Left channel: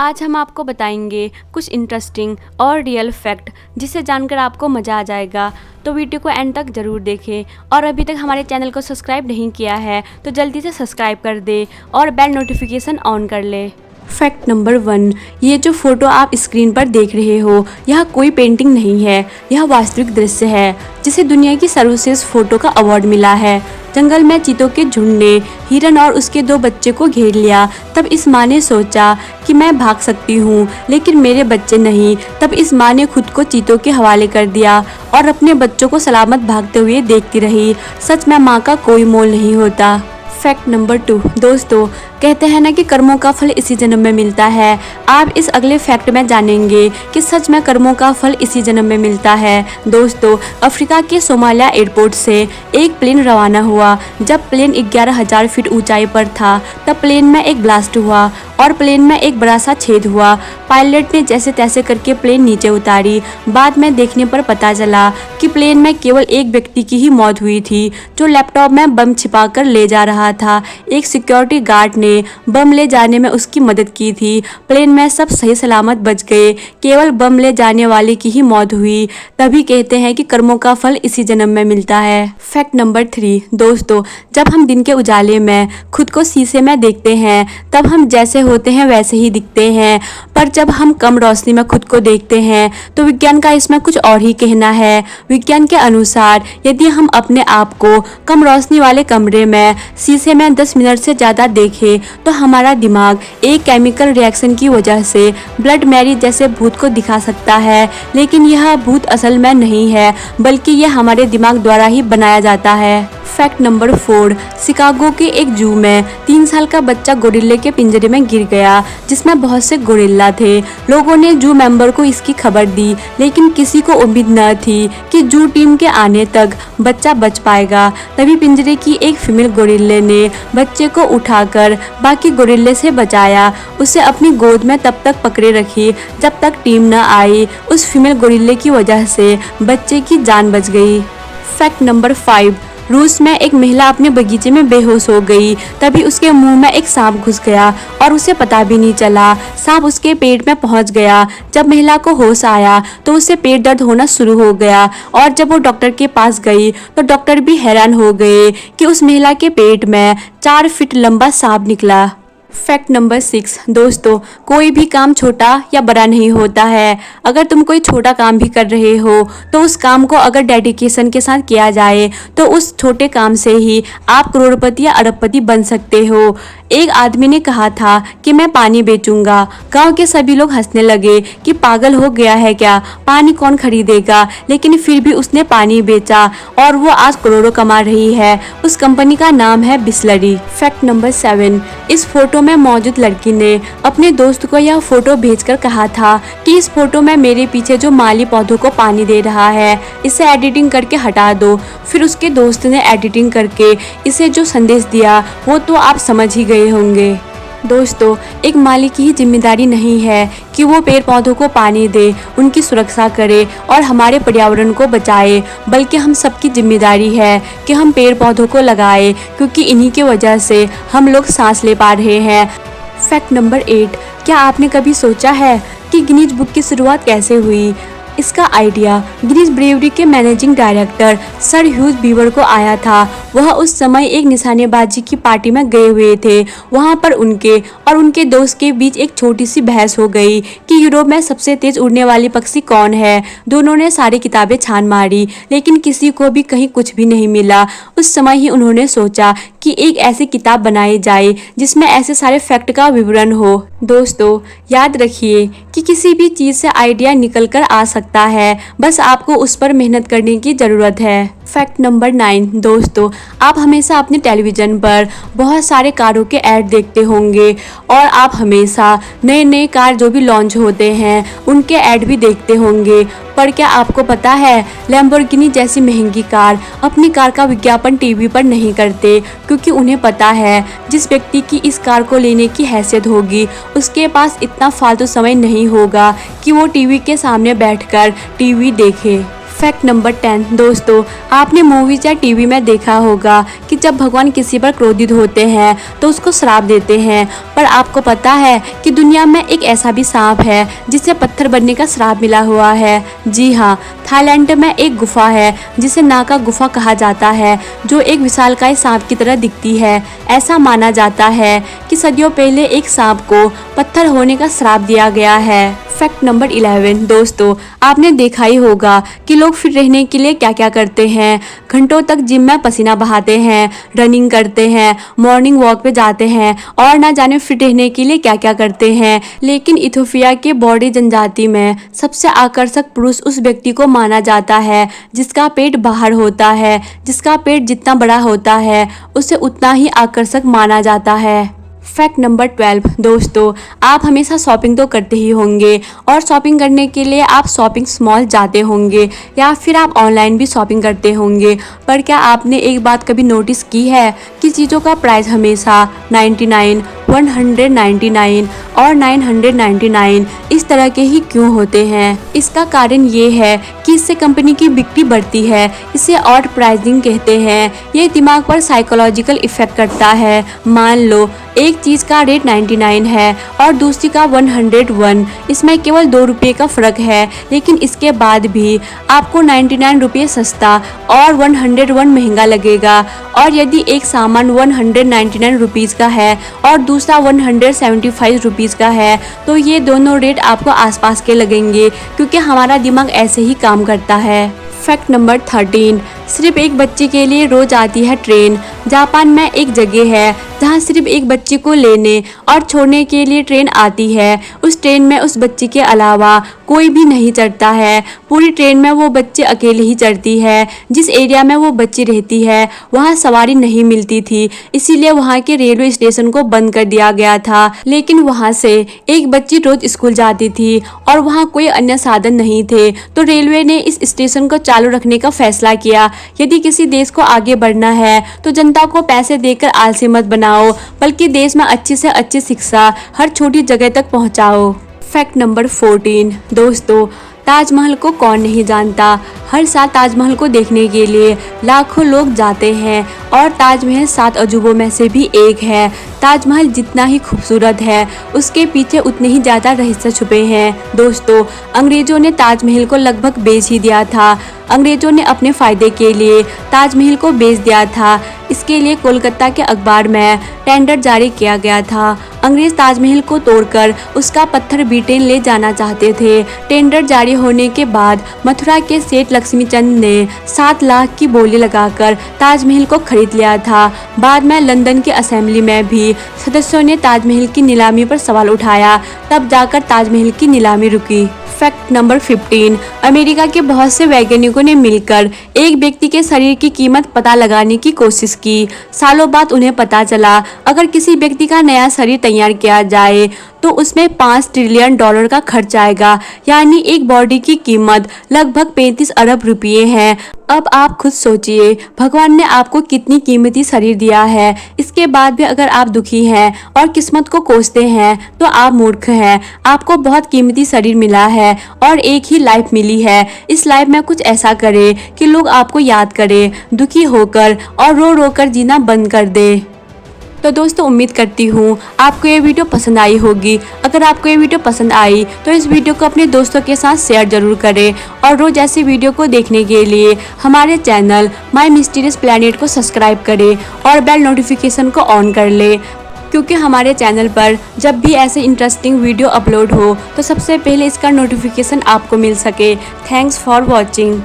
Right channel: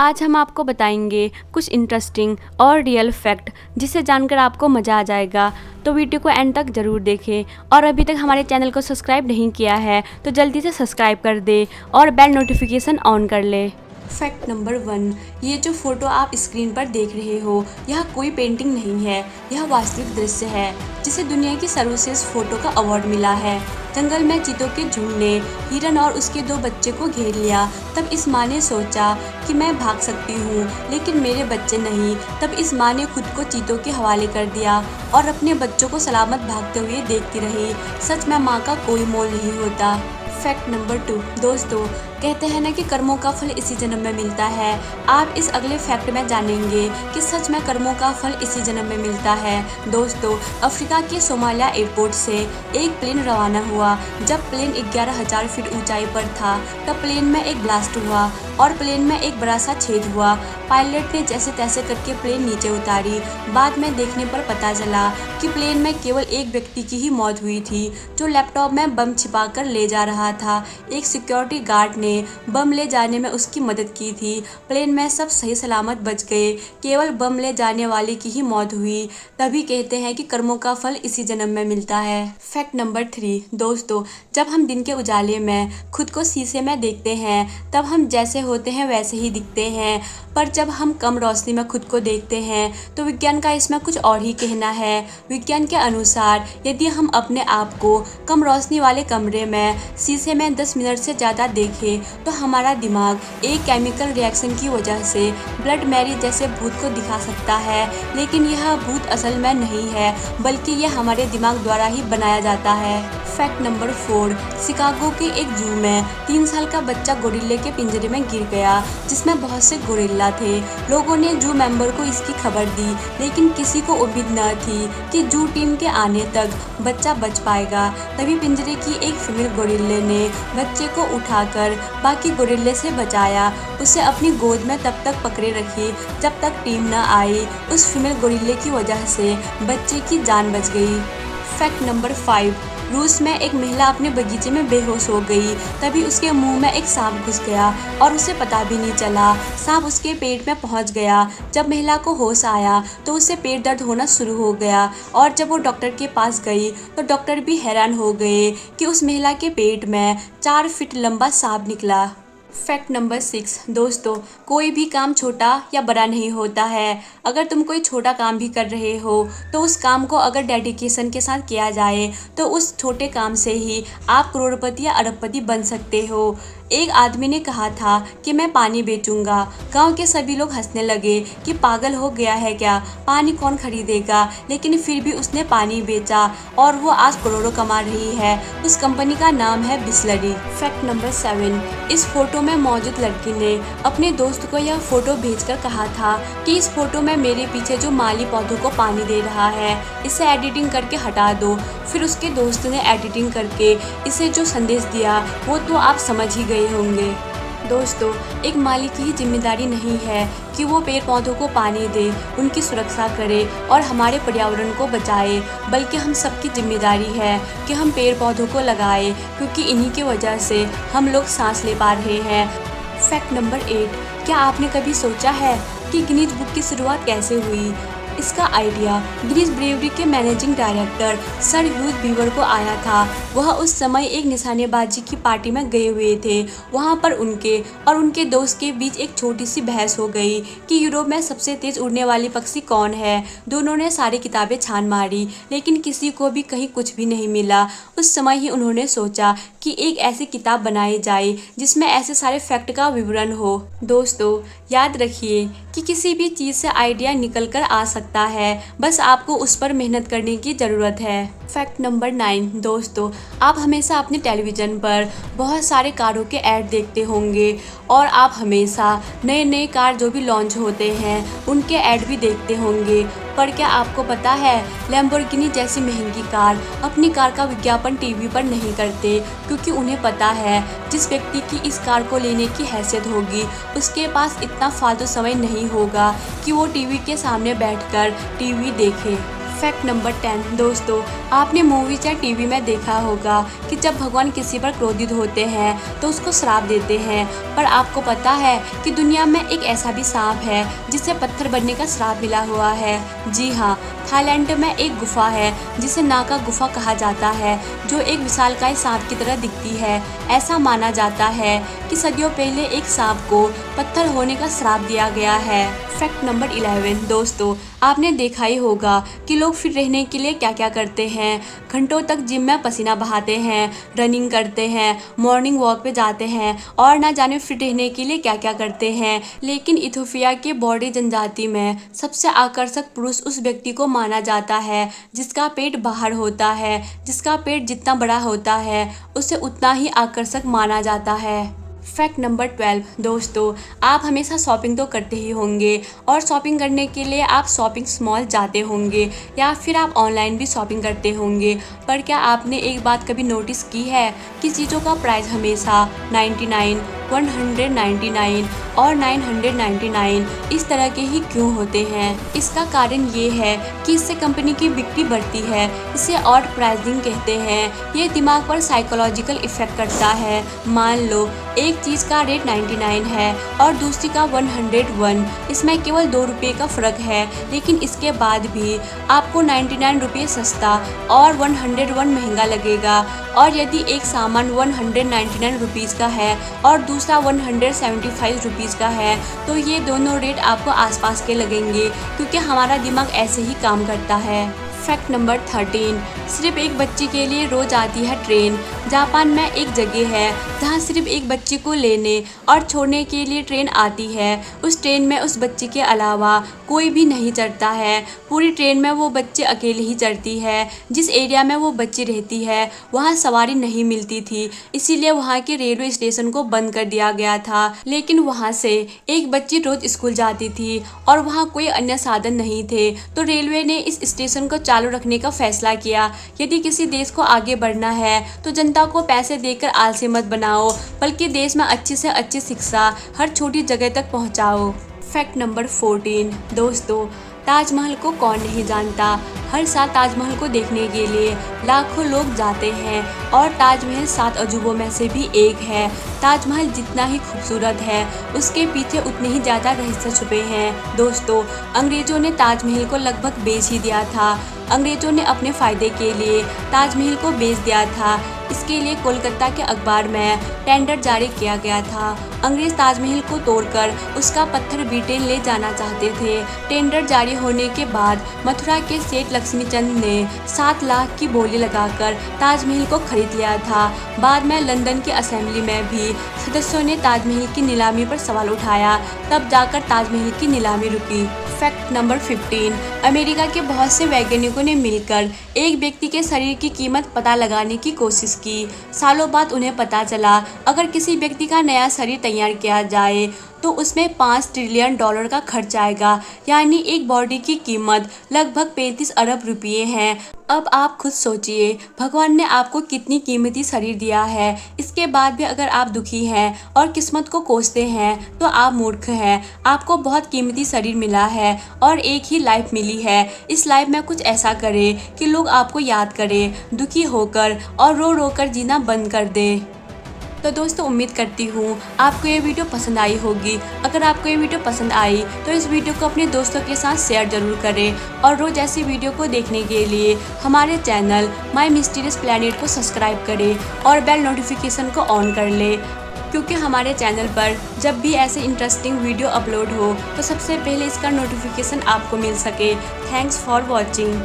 आज हम आपको बताएंगे कुछ इंटरेस्टिंग और रियल फैक्ट जिसे जानकर आपको मज़ा आ जाएगा। तो वीडियो को एंड तक ज़रूर देखें और अभी तक हमारे चैनल को सब्सक्राइब नहीं किया है तो जल्दी से सब्सक्राइब कर दे और बेल नोटिफिकेशन ऑन कर ले। फैक्ट नंबर 1, ये जो फोटो आप स्क्रीन पर देख रहे हो यह कोई पेंटिंग नहीं है, यह वास्तविक दृश्य है जिसे दुनिया की सर्वश्रेष्ठ फोटो का अवार्ड मिला है। जंगल में चीतों के झुंड ने हिरन और उसके 2 बच्चे को घेर लिया। तब इस माँ ने सोचा कि मैं भाग सकती हूँ लेकिन मेरे बच्चे नहीं। तब इस माँ ने खुद को चीतों के हवाले कर दिया और अपने बच्चों को सलामत भागते हुए देखती रही। सच में माँ का कोई मोल नहीं होता। फैक्ट नंबर 2, दोस्तों कहते हैं ना कि कर्मों का फल इसी जन्म में मिलता है। आप इस अगले फैक्ट में जानेंगे कि सच में कर्मों का फल इसी जन्म में मिलता है। दोस्तों अफ्रीका के सोमालिया एयरपोर्ट से एक प्लेन रवाना हुआ। जब प्लेन 11,000 फीट ऊंचाई पर था तब प्लेन में एक ब्लास्ट हुआ और प्लेन में एक बड़ा सा छेद हुआ। पायलट ने जैसे तैसे करके प्लेन नीचे उतारी। बाद में देखने पर पता चला कि प्लेन में केवल एक व्यक्ति की ही मौत हुई थी जो लैपटॉप में बम छिपा कर ले जा रहा था। एक सिक्योरिटी गार्ड ने बम ले जाने में उसकी मदद की थी। प्लेन में सब सही सलामत बच गए, केवल बम ले जाने वाले की ही मौत हुई। तभी कहते हैं कि कर्मों का फल इसी जन्म में मिलता है। फैक्ट नंबर 3, दोस्तों जब हम दिन के उजाले में खुद को शीशे में देखते हैं तब हम जैसे होते हैं वैसे ही दिखते हैं, पर जब हम कम रोशनी में खुद को देखते हैं तो विज्ञान का इसमें कुछ और ही कहना है। विज्ञान के अनुसार यदि हम अपने आप को कम रोशनी वाले कमरे में शीशे में 10 मिनट से ज़्यादा देखें तो हमारा दिमाग एक केमिकल रिएक्शन की वजह से ब्लड मैरी जैसे भूत को दिखा सकता है, लेकिन यह भूत असल में नहीं है बल्कि यह हमारे दिमाग द्वारा ही बनाया जाता है। फैक्ट नंबर 4, शिकागो के एक जू में 3 साल का बच्चा गोरिल्ले के पिंजरे में गिर गया जिसमें बहुत से गोरिल्ला थे। लोगों ने जू मेंबर को इसकी खबर दी लेकिन किसी को उम्मीद न थी कि जू टीम के आने तक बच्चा बच पाएगा। तभी पिंजरे की एक फीमेल गोरिल्ले ने बच्चे को उठाकर बाकी गोरिल्ले से बचाया। उसे अपनी गोद में तब तक पकड़े रखी जब तक टीम न आई। उस फीमेल गोरिल्ले की वजह से बच्चे की जान बच गई। फैक्ट नंबर 5, रूस में एक महिला अपने बगीचे में बेहोश हो गई। तभी उसके मुंह में एक सांप घुस गया और उसे पता भी नहीं चला। सांप उसके पेट में पहुंच गया। जब महिला को होश आया तो उसे पेट दर्द होना शुरू हो गया और जब वो डॉक्टर के पास गई तो डॉक्टर भी हैरान हो गए कि उस महिला के पेट में 4 फीट लंबा सांप निकला। फैक्ट नंबर 6, दोस्तों कोई भी काम छोटा या बड़ा नहीं होता है। अगर तुम कोई छोटा काम भी कर रहे हो तो उस काम को अगर डेडिकेशन के साथ किया जाए तो उस छोटे काम से ही आप करोड़पति या अरबपति बन सकते हो। एक आदमी ने कहा था कि मैं पानी बेचूंगा। गांव के सभी लोग हंसने लगे कि पागल हो गया है क्या, पानी कौन खरीदेगा, लेकिन फिर भी उसने पानी बेचा और वो आज करोड़ों कमा रही है। उस कंपनी का नाम है बिसलरी। फैक्ट नंबर 7, इस फोटो में मौजूद लड़की ने अपने दोस्त को यह फोटो भेजकर कहा था कि इस फोटो में मेरे पीछे जो माली पौधों को पानी दे रहा है इसे एडिटिंग करके हटा दो। फिर उसके दोस्त ने एडिटिंग करके इसे जो संदेश दिया वो तो आप समझ ही गए होंगे। दोस्तों एक माली की ही जिम्मेदारी नहीं है कि वो पेड़ पौधों को पानी दे, उनकी सुरक्षा करे और हमारे पर्यावरण को बचाए, बल्कि हम सबकी जिम्मेदारी है कि हम पेड़ पौधों को लगाए क्योंकि इन्हीं की वजह से हम लोग सांस ले पा रहे हैं। फैक्ट नंबर 8, क्या आपने कभी सोचा है कि गिनीज बुक की शुरुआत कैसे हुई? इसका आइडिया गिनीज ब्रेवरी के managing director sir huge beaver को आया था। वह उस समय एक निशानेबाजी की पार्टी में गए हुए थे। वहां पर उनके और उनके दोस्त के बीच एक छोटी सी बहस हो गई कि यूरोप में सबसे तेज उड़ने वाली पक्षी कौन है। दोनों ने सारी किताबें छान मारी लेकिन किसी को भी कहीं कुछ भी नहीं मिला। उस समय ही उन्होंने सोचा कि एक ऐसी किताब बनाई जाए जिसमें ऐसे सारे फैक्ट का विवरण हो। दोस्तों याद रखिए कि किसी भी चीज़ से आइडिया निकल कर आ सकता है, बस आपको उस पर मेहनत करने की ज़रूरत है। फैक्ट नंबर 9, दोस्तों आप हमेशा अपने टेलीविज़न पर बहुत सारे कारों के ऐड देखते होंगे और आप हमेशा नए नए कार जो भी लॉन्च होते हैं उनके ऐड भी देखते होंगे। पर क्या आपको पता है लैम्बोर्गिनी जैसी महंगी कार अपनी कार का विज्ञापन टीवी पर नहीं करते क्योंकि उन्हें पता है जिस व्यक्ति की इस कार को लेने की हैसियत होगी उसके पास इतना फालतू समय नहीं होगा कि वो टीवी के सामने बैठकर टीवी देखे। फैक्ट नंबर 10 दोस्तों, आपने मूवीज या टीवी में देखा होगा कि जब भगवान किसी पर क्रोधित होते हैं तो उसको श्राप देते हैं। पर आपको पता है कि दुनिया में एक ऐसा भी सांप है जिसे पत्थर बनने का श्राप मिला हुआ है। जी हाँ, थाईलैंड में एक गुफा है जिसे नागा गुफा कहा जाता है, जो एक विशालकाय सांप की तरह दिखती है। ऐसा माना जाता है कि सदियों पहले एक सांप को पत्थर होने का श्राप दिया गया है। फैक्ट नंबर 11 दोस्तों, आपने देखा ही होगा कि लोग फिट रहने के लिए क्या क्या करते हैं। घंटों तक जिम में पसीना बहाते हैं, रनिंग करते हैं, मॉर्निंग वॉक पे जाते हैं और ना जाने फिट रहने के लिए क्या क्या करते हैं। लेकिन इथोपिया के बॉडी जनजाति में सबसे आकर्षक पुरुष उस व्यक्ति को माना जाता है जिसका पेट बाहर होता है। जिसका पेट जितना बड़ा होता है उसे उतना ही आकर्षक माना जाता है। फैक्ट नंबर 12 दोस्तों, आप हमेशा शॉपिंग तो करते ही होंगे और शॉपिंग करने के लिए आप शॉपिंग मॉल जाते होंगे या फिर आप ऑनलाइन भी शॉपिंग करते होंगे। पर क्या आपने एक बात कभी नोटिस की है कि चीज़ों का प्राइस हमेशा 99, 199 और 999 इस तरह के ही क्यों होते हैं? इसका कारण ये है कि इससे कंपनी की बिक्री बढ़ती है। इसे ऑड प्राइसिंग कहते हैं। ये दिमाग पर साइकोलॉजिकल इफेक्ट करता है। मान लो एक चीज़ का रेट 99 है और दूसरी का 101। इसमें केवल 2 रुपये का फ़र्क है, लेकिन इसके बाद भी आपको 99 रुपये सस्ता और 101 महंगा लगेगा। और यदि एक सामान 199 रुपीज़ का है और दूसरा 175 रुपीज़ का है तो ये दोनों रेट आपको आसपास के लगेंगे, क्योंकि हमारा दिमाग ऐसे ही काम करता है। फैक्ट नंबर 13, सिर्फ एक बच्चे के लिए रोज आती है ट्रेन। जापान में एक जगह है जहाँ सिर्फ एक बच्चे को लेने और छोड़ने के लिए ट्रेन आती है। उस ट्रेन में उस बच्चे के अलावा कोई भी नहीं चढ़ता है। पूरी ट्रेन में वो बच्चे अकेले ही चढ़ती है। जिस एरिया में वो बच्ची रहती है वहाँ सवारी नहीं मिलती थी, इसीलिए वहाँ के रेलवे स्टेशन को बंद कर दिया गया था। लेकिन वहाँ से एक बच्ची रोज स्कूल जाती थी और वहाँ कोई अन्य साधन नहीं थे, तो रेलवे ने इस स्टेशन को चालू रखने का फैसला किया। यदि किसी देश को आगे बढ़ना है तो जनता को पैसे देकर आलसी मत बनाओ, बल्कि देश में अच्छी से अच्छी शिक्षा हर छोटी जगह तक पहुंचाओ। फैक्ट नंबर 14 दोस्तों, ताजमहल को कौन नहीं जानता। हर साल ताजमहल को देखने के लिए लाखों लोग जाते हैं और ताजमहल 7 अजूबों में से भी एक है। ताजमहल जितना ही खूबसूरत है उसके पीछे उतने ही ज़्यादा रहस्य छुपे हैं। दोस्तों, अंग्रेजों ने ताजमहल को लगभग बेच ही दिया था। अंग्रेजों ने अपने फ़ायदे के लिए ताजमहल को बेच दिया था। इसके लिए कोलकाता के अखबार में टेंडर जारी किया गया था। अंग्रेज ताजमहल को तोड़कर उसका पत्थर ब्रिटेन ले जाना चाहते थे। टेंडर जारी होने के बाद मथुरा के सेठ लक्ष्मीचंद ने 7 लाख की बोली लगाकर ताजमहल को खरीद लिया था। बाद में लंदन की असेंबली में भी सदस्यों ने ताजमहल की नीलामी पर सवाल उठाया, तब जाकर ताजमहल की नीलामी रुकी। फैक्ट नंबर 15, अमेरिका के बहुत से वैज्ञानिकों ने मिलकर एक व्यक्ति के शरीर की कीमत पता लगाने की कोशिश की। सालों बाद उन्हें पता चला अगर किसी व्यक्ति का नया शरीर तैयार किया जाए तो उसमें $5 ट्रिलियन का खर्च आएगा, यानी एक बॉडी की कीमत लगभग 35 अरब रुपये है। अब आप खुद सोचिए, भगवान ने आपको कितनी कीमती शरीर दिया है, इसके बाद भी अगर आप दुखी हैं और किस्मत को कोसते हैं तो आप मूर्ख हैं। आपको बहुत कीमती शरीर मिला है और एक ही लाइफ मिली है। इस लाइफ में कुछ ऐसा करें कि लोग आपको याद करें, दुखी होकर और रो रो कर जीना बंद कर दे। तो दोस्तों, उम्मीद करती हूँ आपको ये वीडियो पसंद आई होगी। अगर आपको ये वीडियो पसंद आई तो इस वीडियो को अपने दोस्तों के साथ शेयर जरूर करें और रोज ऐसी वीडियो को देखने के लिए हमारे चैनल माय मिस्टीरियस प्लैनेट को सब्सक्राइब करें और बेल नोटिफिकेशन को ऑन कर ले, क्योंकि हमारे चैनल पर जब भी ऐसे इंटरेस्टिंग वीडियो अपलोड हो तो सबसे पहले इसका नोटिफिकेशन आपको मिल सके। Thanks for watching.